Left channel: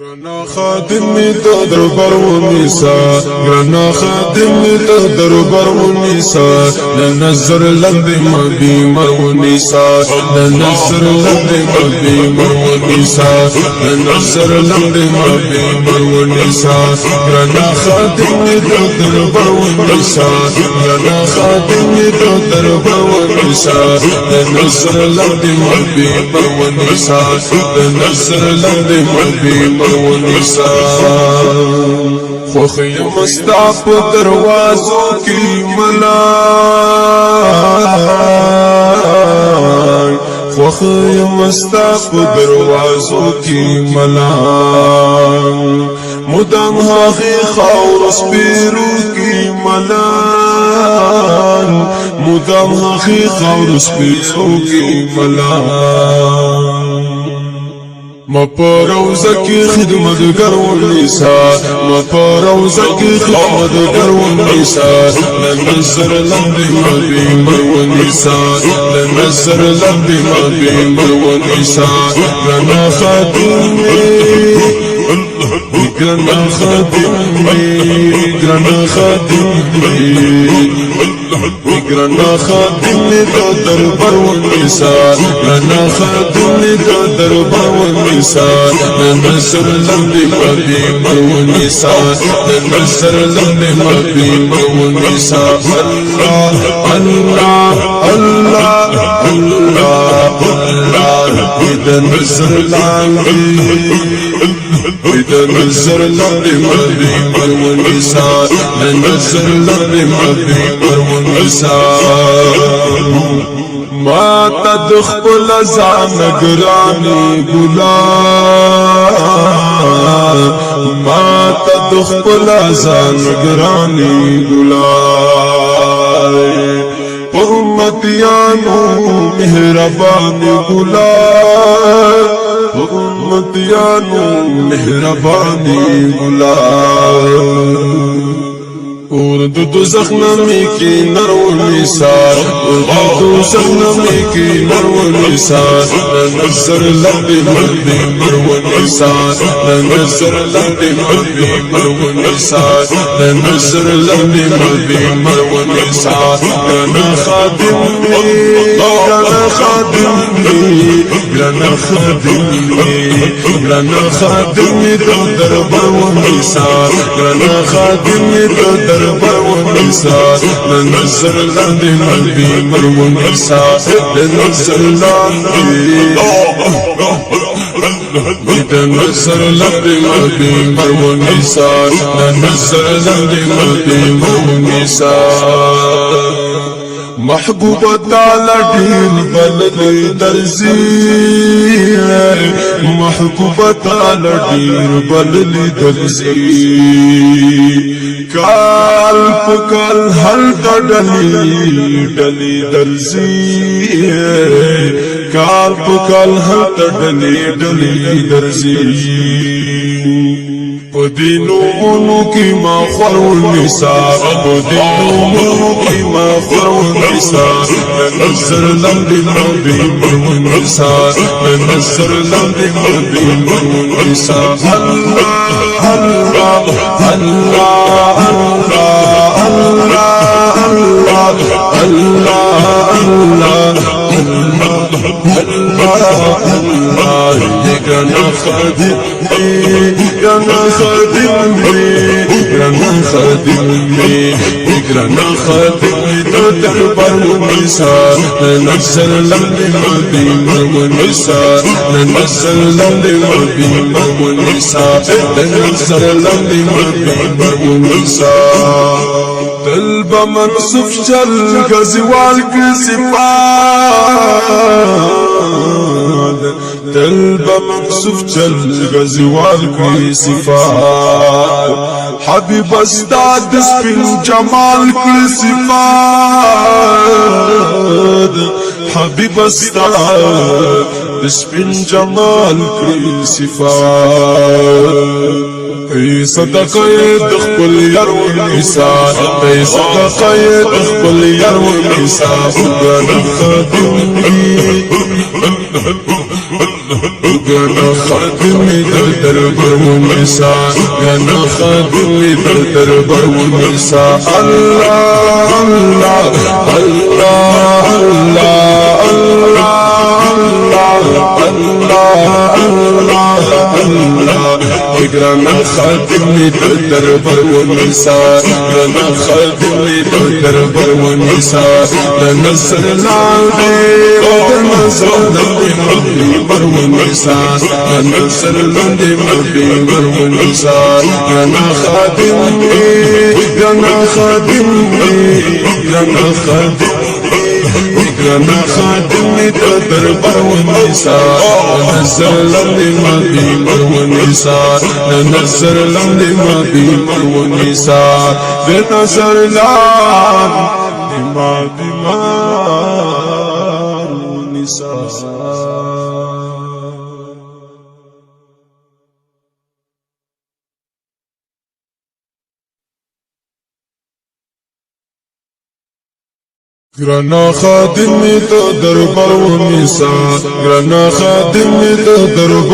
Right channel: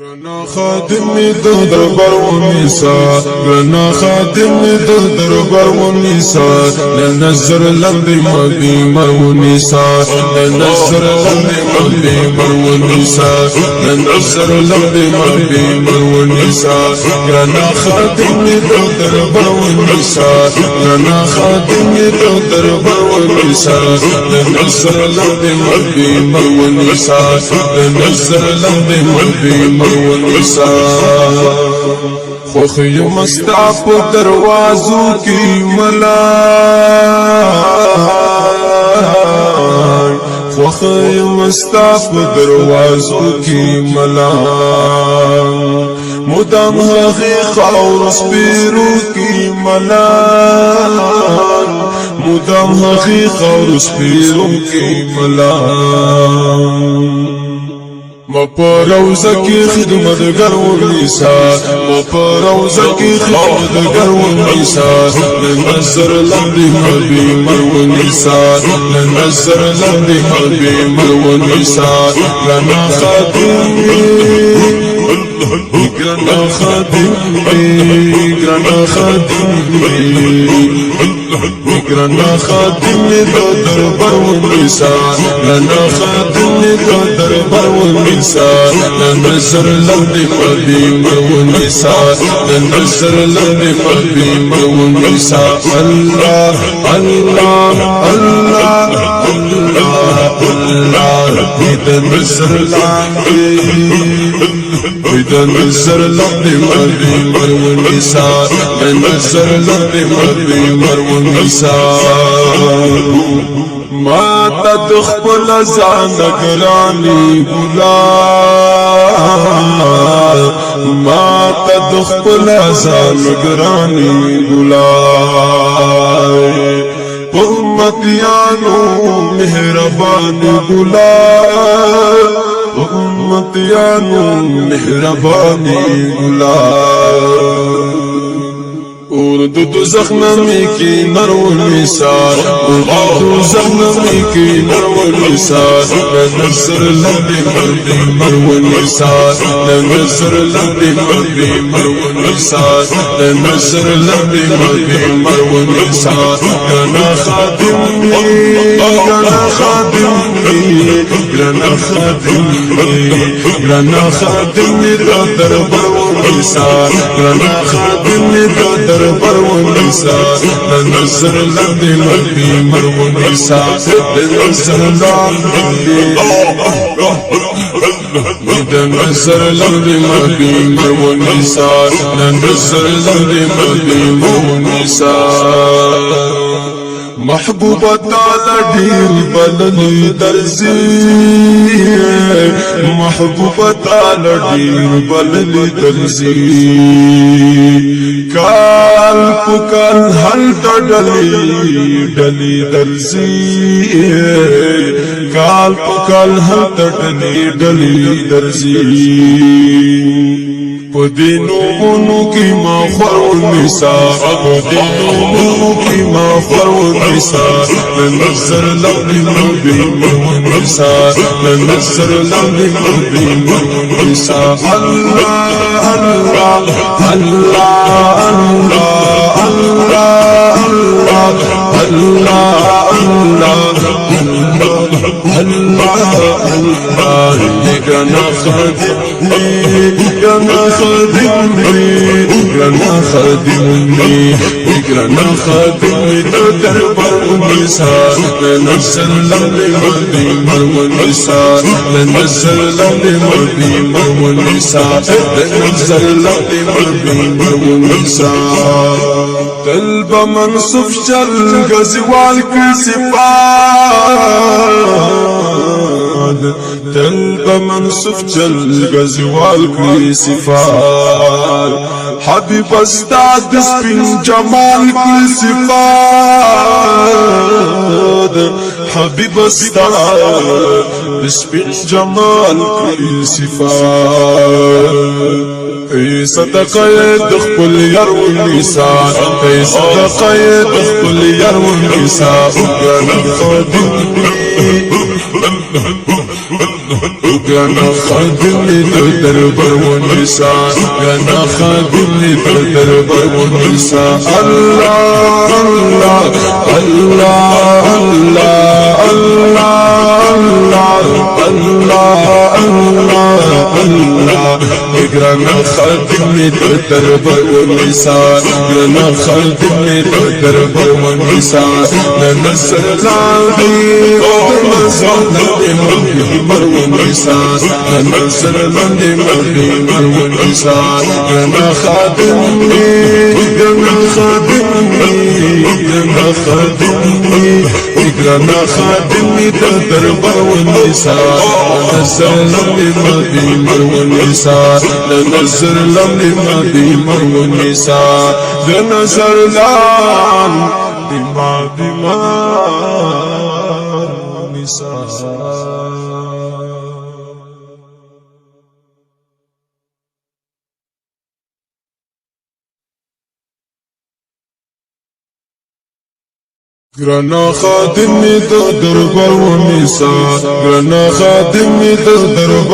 گرانا خادمی ده دربار و نیسا گرانا خادمی ده دربار و نیسا لنظر لندی مبی مر و نیسا لنظر لندی مبی مر و نیسا لنظر لندی مبی مر و نیسا گرانا خادمی ده دربار و نیسا گرانا خادمی ده دربار و نیسا لنظر لندی مبی مر و نیسا لنظر لندی مبی والنساء خوخي مستعف دروازو کی ملان خوخي مستعف دروازو کی ملان مدام هاغي خور سپیرو کی ملان مدام هاغي خور سپیرو کی ملان ما پروزه کی خدمتگر ونیسا ما پروزه کی خدمتگر ونیسا لنظر لندی مبی مر ونیسا لنظر لندی مبی مر ونیسا لنا خادمی گرانا خادمی گرانا خادمی گرانا خادمی دو دربار ونیسا لنا خادمی دو دربار ونیسا لنظر لندی مبی مر ونیسا لنظر لندی مبی مر ونیسا اللہ اللہ اللہ اللہ اللہ اذا نظر لندی إذا نزر لندي مبي مر ونساء نزر لندي مبي مر ونساء ما تدخل زان گرانی گلاب ما تدخل زان گرانی گلاب امتیانو مهربانی گلاب امتیانو مهربانی گلاب اور دو زخمی کی نرو نثار دوزخ نمی کی نرو نثار نظر لندی مبی مر ونیسا نظر لندی مبی مر ونیسا نظر لندی مبی مر ونیسا گرانا خادمی گرانا خادمی گرانا خادمی گرانا خادمی دو دربار ونیسا گرانا خادمی دو دربار ونیسا لنظر لندی مبی مر ونیسا لنظر لندی لنظر لندی مبی مر ونیسا لنظر لندی مبی مر ونیسا محبوبة تعالى دير بلني درزي محبوبة تعالى دير بلني درزي كال پکال هل تدلی دلی درزي كال پکال هل تدلی دلی درزي پدینو منو کی ما خور نثار پدینو منو کی ما خور نثار لنظر لندی مبی مر ونیسا لنظر لندی مبی مر ونیسا اللہ اللہ اللہ اللہ اللہ اللہ اللہ گرانا خادمی گرانا خادمی گرانا خادمی گرانا خادمی دو دربار ونیسا لنظر لندی مبی مر ونیسا لنظر لندی مبی مر ونیسا لنظر لندی مبی مر ونیسا قلب منصف چل غزوال کی صفات قلب منصف چل غزوال کی صفات حبیب استاد اسپن جمال کی صفات حبیب استاد اسپن جمال کی صفات ای صدقه دخل یار ونیسا ای صدقه دخل یار ونیسا گرانا خادمی أنا خادمي دربر والنساء أنا خادمي دربر والنساء الله الله الله الله الله الله الله أنا خادمي دربر والنساء أنا خادمي دربر والنساء ننزل العبير وننزل العبير والنساء ننزل العبير والنساء أنا خادمي أنا خادمي أنا خادمي أنا خادمي دربر والنساء ننزل العبير والنساء ننزل العبير والنساء ننزل النساء أنا خادمي دربر والنساء أنا خادمي دربر